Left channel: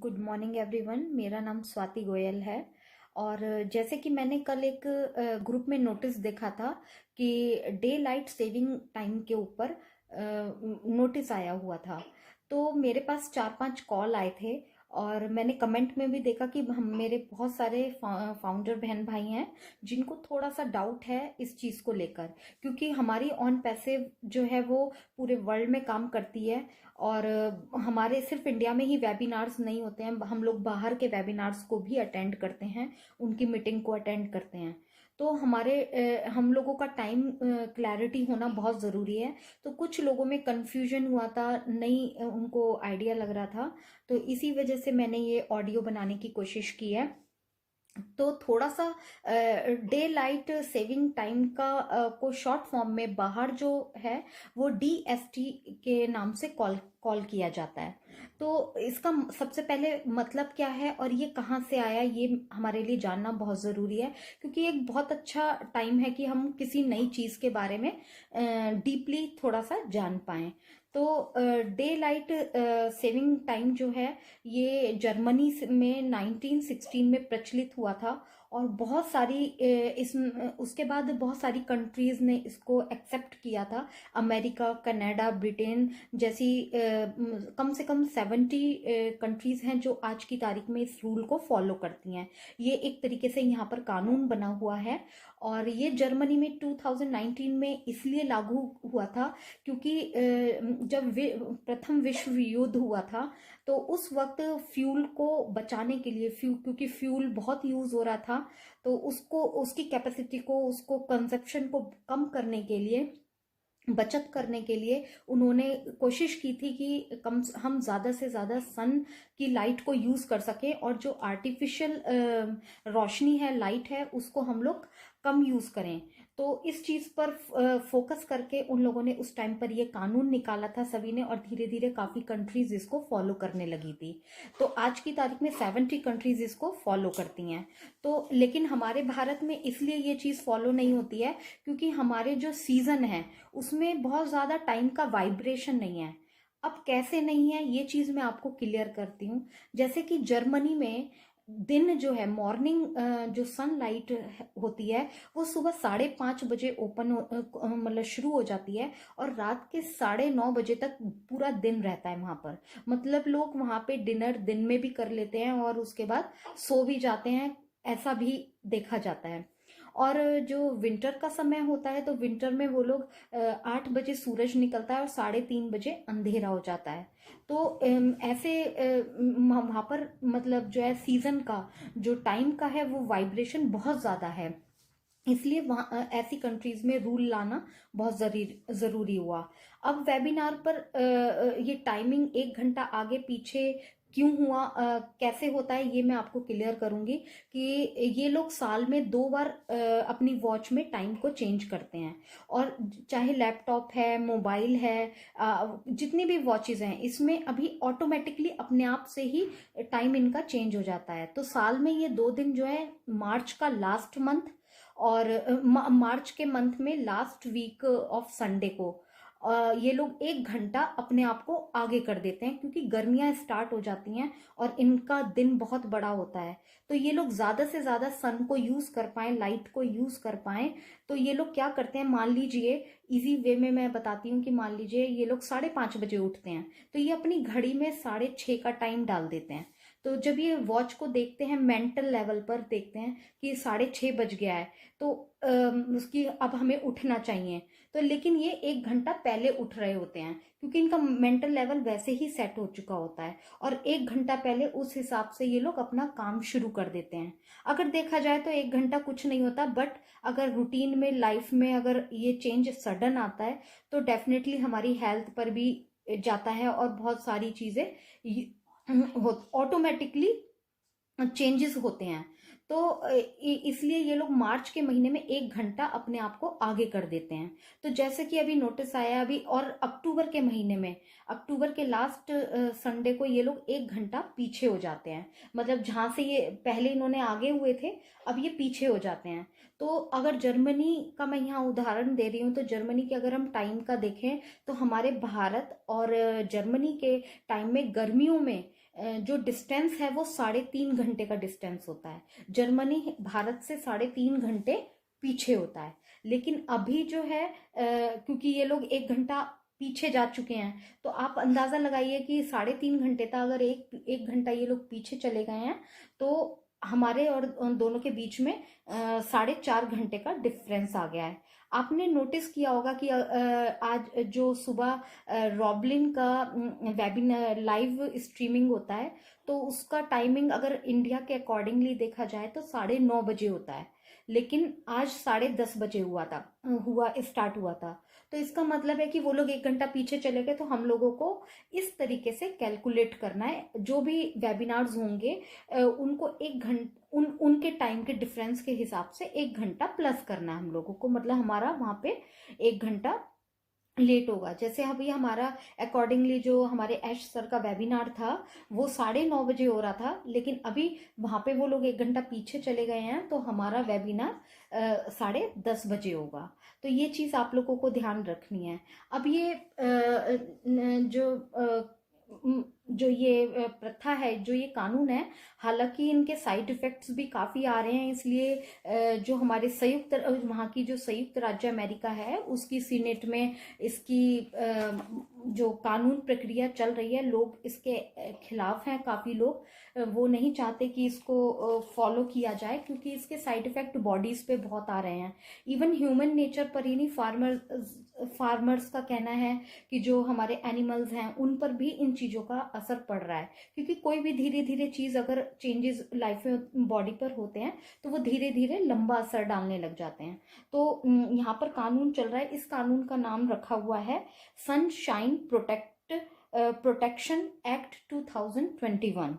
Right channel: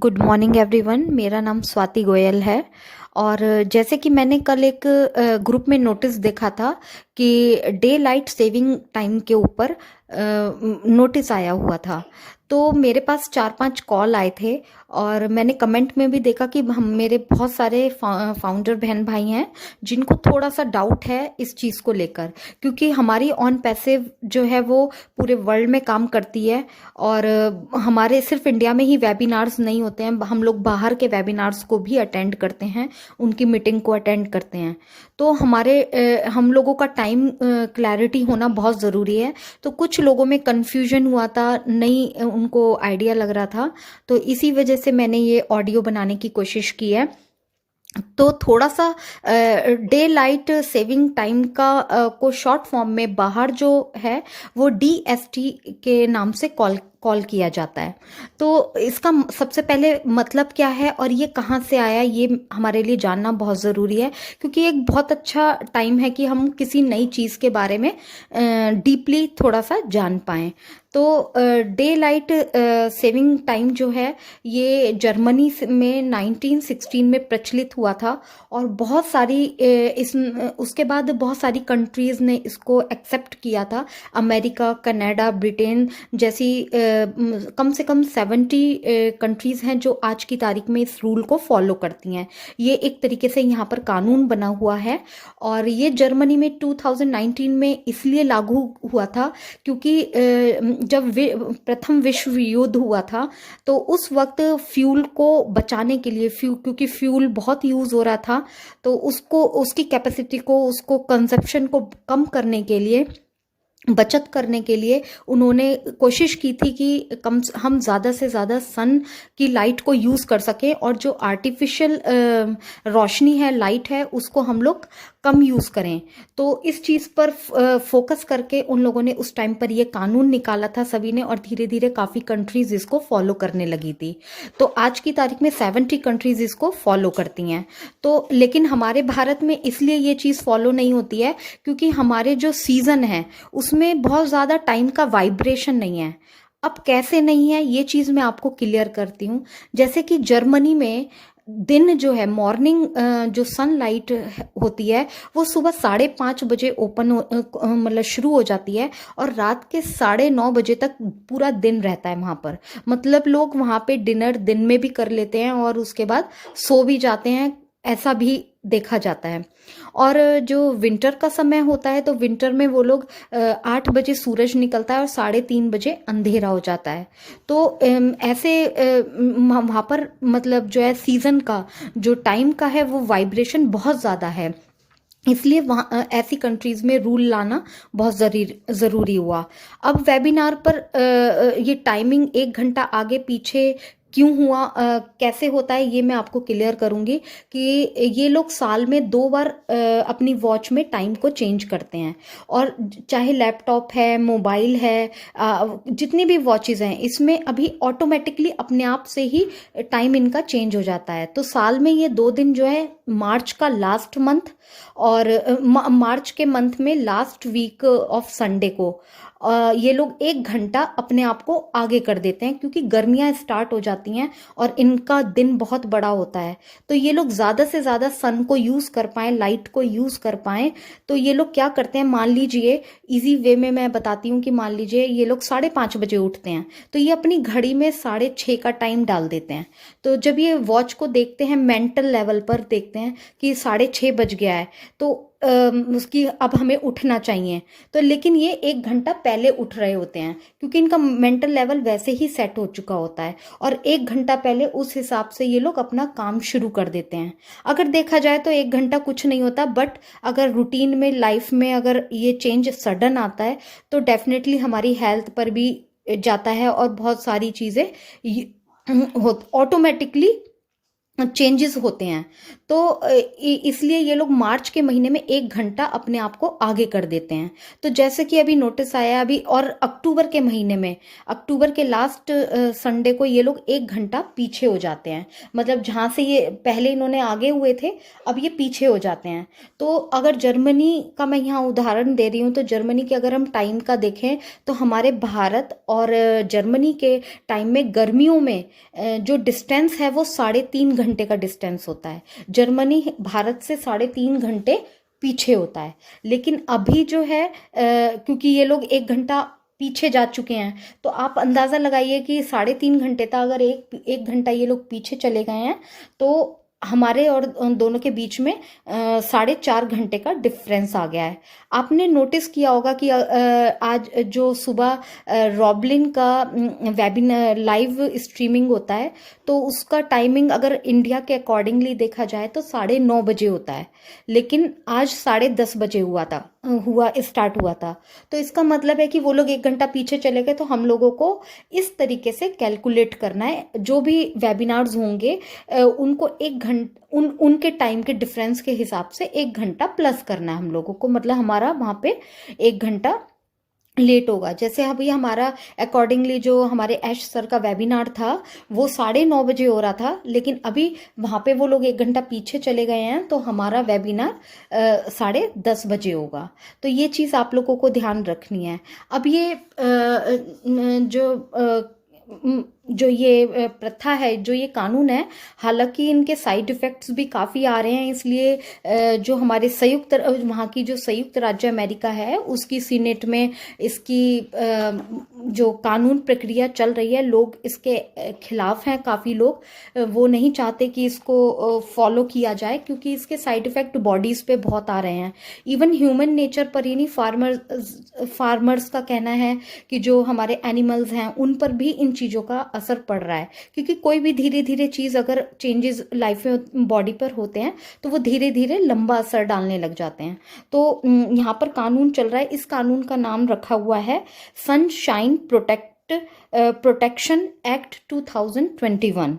Good morning everyone. मेरा नाम स्वाति गोयल है। और जैसे कि मैंने कल एक ग्रुप में नोटिस देखा था कि डे लाइट सेविंग टाइम के ऊपर नोटिस आया हुआ था। तो मेरे पास 4-5 कॉल आए थे और मैंने कमेंट में भी देखा कि हम मेरे बहुत सारे फाउंडर बहन भाई हैं जिनको थोड़ा सा डाउट है इस चीज़ को लेकर, क्योंकि हमारी ऑन पैसिव जो है वो पूरे वर्ल्ड में काम करती है। और हमारे सिर्फ इंडिया में ही वेबिनार्स नहीं होते हैं, हम लोग बाहर के वेबिनार्स को भी अटेंड करते हैं, उनकी मीटिंग को अटेंड करते हैं। तो हम लोगों का टाइम क्लैरिटी होना बहुत ज़रूरी है। तो कुछ लोगों में कन्फ्यूजन हुआ था, नहीं उनको आइडिया लग रहा था, तो इसी वजह से मैंने ये ऑडियो बनाने की कोशिश की है। तो थोड़ा सा डे लाइट सेविंग टाइम का को शॉर्ट फॉर्म में बाहर जो है वो DST के नाम से कॉल कॉल किया जाता है। तो इसका सबसे पहले मतलब क्या है और ये कहाँ से आया, ये हमारे लिए जानना बहुत ज़रूरी है, क्योंकि एक बहुत अच्छा टाइम है कि हम किसी नई चीज़ के बारे में डीपली थोड़ा सा जान पाएँ। तो डे लाइट सेविंग टाइम जो है ये जर्मनी में 1916 में प्रचलित हुआ था। और बहुत सारी उसके बाद बहुत सारी कंट्रीज़ ने इसको एक्सेप्ट किया था। अमेरिका, कनाडा, ब्रिटेन जैसी कम से कम 70 कंट्रीज़ हैं जो आज की तारीख में इस रूल को फॉलो करती हैं। ये एक तरीके से यहाँ पर कानून बना हुआ है। और ये जर्मनी में 2019 में इसलिए लागू हुआ था क्योंकि जब प्रथम विश्व युद्ध हुआ था तो उस वक्त फ्यूल को बचाने के लिए, क्योंकि फ्यूल बहुत यूज़ हो रहा था, तो उसको उसकी कैपेसिटी को, उसको कंजप्शन को कम करने के लिए, बचत करने के लिए उन्होंने कोशिश की थी कि हम ज़्यादा से ज़्यादा सन की लाइट को यूज़ कर सकें और जो आर्टिफिशियल रोशनी है, लाइट है, उसको हम लोग कम यूज़ करें। तो इस चीज़ पर फोकस करके उन लोगों ने उस टाइम पर ये कानून निकाला था सभी ने, और धीरे धीरे काफ़ी कंट्रीज़ इसको फॉलो करने लगी थी। तो आज की तारीख में 70 कंट्रीज़ इसको फॉलो करती हैं। तो लेकिन हमारे भारत में इसलिए ये चीज़ फॉलो नहीं होती है क्योंकि हमारे जो सीज़न है उसमें बहुत ज़्यादा टाइम का वाइब्रेशन नहीं है। अब कैसे नहीं है ये चीज़ मैं आपको क्लियर करती हूँ। जैसे कि जर्मनी में दिन जो है, मॉर्निंग जो सनलाइट होती है वो सुबह 5:30 बजे मतलब शुरू हो जाती है और रात के 9:30 बजे तक पूरा दिन रहता है वहाँ पर। मतलब लोग वहाँ पे डिनर दिन में भी कर लेते हैं और उसके बाद सो भी जाते हैं, ऐसा भी देखा जाता है। और जो विंटर का समय होता है तो विंटर में वो लोग 8 बजे सूरज निकलता है और 3:30 बजे अंधेरा हो जाता है। तो ऐसे वहाँ पर मतलब जो है सीजन का जो टाइम का है वो वाइब्रेशन बहुत ज़्यादा है। इसलिए वहाँ ऐसी कंट्रीज़ में रूल लाना बहुत ज़रूरी हुआ। अब वेबिनार पर ये टाइमिंग 1 घंटा आगे पीछे क्यों हुआ, कैसे होता है, ये मैं आपको क्लियर करूँगी कि ये लोग साल में 2 बार अपनी वॉच में टाइम को चेंज करते हैं। और चाहे लैपटॉप है, मोबाइल है, जितनी भी वॉचेज़ हैं इसमें अभी ऑटोमेटिकली अपने आप से ही टाइम इनका चेंज हो जाता है। तो साल में ये 2 दिन जो है, मार्च का लास्ट मंथ और मार्च के मंथ में लास्ट वीक ऑफ संडे को ये लोग 1 घंटा अपने आप को आगे कर देते हैं, क्योंकि गर्मियां स्टार्ट हो जाती हैं और इनका दिन बहुत बड़ा होता है। तो ये लोग ज़्यादा से ज़्यादा सन को यूज़ कर पाएँ, लाइट को यूज़ कर पाएँ, तो ये लोग क्या करते हैं, मान लीजिए इजी वे में मैं बताती हूँ कि मान लीजिए ये लोग 5:30 बजे उठते हैं तो ये अपनी घड़ी में 6:30 का टाइम डाल देते हैं। तो जब ये वॉच को देखते हैं, मेंटल लेवल पर देखते हैं कि 6:30 बज गया है, तो उसकी अब हमें उठना चाहिए। तो लेकिन ये 1 घंटा पहले उठ रहे होते हैं क्योंकि इनका मेंटल लेवल वैसे ही सेट हो चुका होता है, और 1 घंटा पहले उस हिसाब से ये लोग अपना काम शुरू कर देते हैं। अगर देखा जाए तो 1 घंटा कुछ नहीं होता, बट अगर रूटीन में, लाइफ में अगर ये चेंज सडन आता है तो डेफिनेटली हमारी हेल्थ पर भी जाता है और बहुत सारी चीज़ें ऑटोमेटिकली चेंजेस होते हैं। तो इसलिए ये लोग मार्च के महीने में 1 घंटा अपने आप को आगे कर देते हैं। तो जैसे कि अभी नोटिस आया अभी, और अक्टूबर के महीने में, अक्टूबर के लास्ट संडे को ये लोग 1 घंटा पीछे हो जाते हैं। मतलब जहाँ से ये पहले इन्होंने आगे हुए थे, अब ये पीछे हो जाते हैं। तो अगर जर्मनी का मैं यहाँ उदाहरण दे रही हूँ, तो जर्मनी के अगर हम टाइम का देखें, तो हमारे भारत और जर्मनी के टाइम में गर्मियों में जो डिस्टेंस है वो 3.5 घंटे का डिस्टेंस होता है। जर्मनी भारत से 3.5 घंटे पीछे होता है। लेकिन अभी जो है क्योंकि ये लोग 1 घंटा पीछे जा चुके हैं, तो आप अंदाज़ा लगाइए कि 3.5 घंटे था, अगर एक एक घंटा ये लोग पीछे चले गए हैं, तो हमारे और उन दोनों के बीच में 4.5 घंटे का डिफरेंस आ गया है। आपने नोटिस किया होगा कि आज जो सुबह रॉबलिन का वेबिनार लाइव स्ट्रीमिंग होता है, तो उसका टाइमिंग अगर इंडिया के अकॉर्डिंगली देखा जाए तो 9:30 बजे होता है, लेकिन आज 10:30 बजे हुआ स्टार्ट हुआ था। तो इसका मतलब है कि वो लोग 1 घंटा पीछे चले गए। तो हम लोगों को इस तरीके से कैलकुलेट करना है, जो भी वेबिनार्स होंगे उनको 1 घंटा उनके टाइम के डिफरेंस के हिसाब से 1 घंटा प्लस करना है हम लोगों को। मतलब हमारा वहाँ पे 1 घंटा लेट होगा। जैसे अभी हमारा अकॉर्डिंगली जो हमारे ऐश सर का वेबिनार था वो 9:30 बजे हो रहा था, लेकिन अभी वहाँ पे वो लोग 1 घंटा पीछे चले गए हैं, तो हमारा वेबिनार 10:30 बजे होगा। तो ये चीज़ आप लोगों को ध्यान रखनी है। अब ये जो ये प्रथा है, जो ये कानून है, हालांकि इनके साइड इफ़ेक्ट्स भी काफ़ी आ रहे हैं। इसलिए जो हमारे वहाँ की जो संयुक्त राज्य अमेरिका है, उसकी सीनेट में इसकी जो कानून प्रक्रिया चल रही है, लोग इसके खिलाफ हैं। काफ़ी लोग वो नहीं चाहते कि इसको फॉलो किया जाए, क्योंकि इसके साइड इफ़ेक्ट बॉडीज़ पे बहुत आ रहे हैं। इवन ह्यूमन नेचर पर ही नहीं, फार्मर्स का कहना है कि जो हमारे एनिमल्स हैं उन पर भी इन चीज़ों का असर पड़ रहा है। क्योंकि कोई भी धीरे धीरे चीज़ अगर चेंजेस लाइफ में बॉडी पर होते हैं, तो वो धीरे धीरे लंबा असर डालने लग जाते हैं। तो यहाँ पर कानून चल रहा है। इस कानून का नाम रखा हुआ है सनशाइन प्रोटेक्शन एक्ट 2021।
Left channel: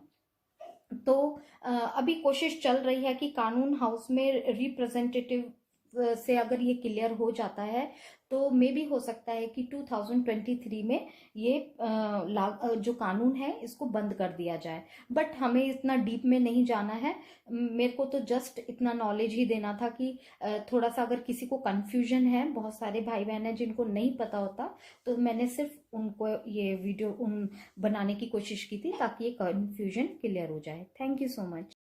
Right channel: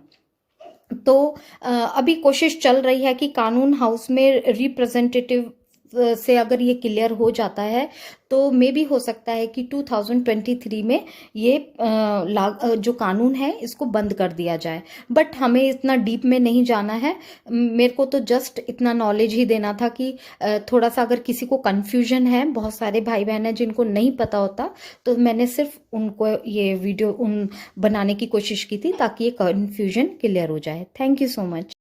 तो अभी कोशिश चल रही है कि कानून हाउस में रिप्रेजेंटेटिव से अगर ये क्लियर हो जाता है, तो मे भी हो सकता है कि 2023 में ये जो कानून है इसको बंद कर दिया जाए। बट हमें इतना डीप में नहीं जाना है। मेरे को तो जस्ट इतना नॉलेज ही देना था कि थोड़ा सा अगर किसी को कन्फ्यूजन है, बहुत सारे भाई बहन हैं जिनको नहीं पता होता, तो मैंने सिर्फ उनको ये वीडियो बनाने की कोशिश की थी ताकि ये कन्फ्यूजन क्लियर हो जाए। Thank you so much.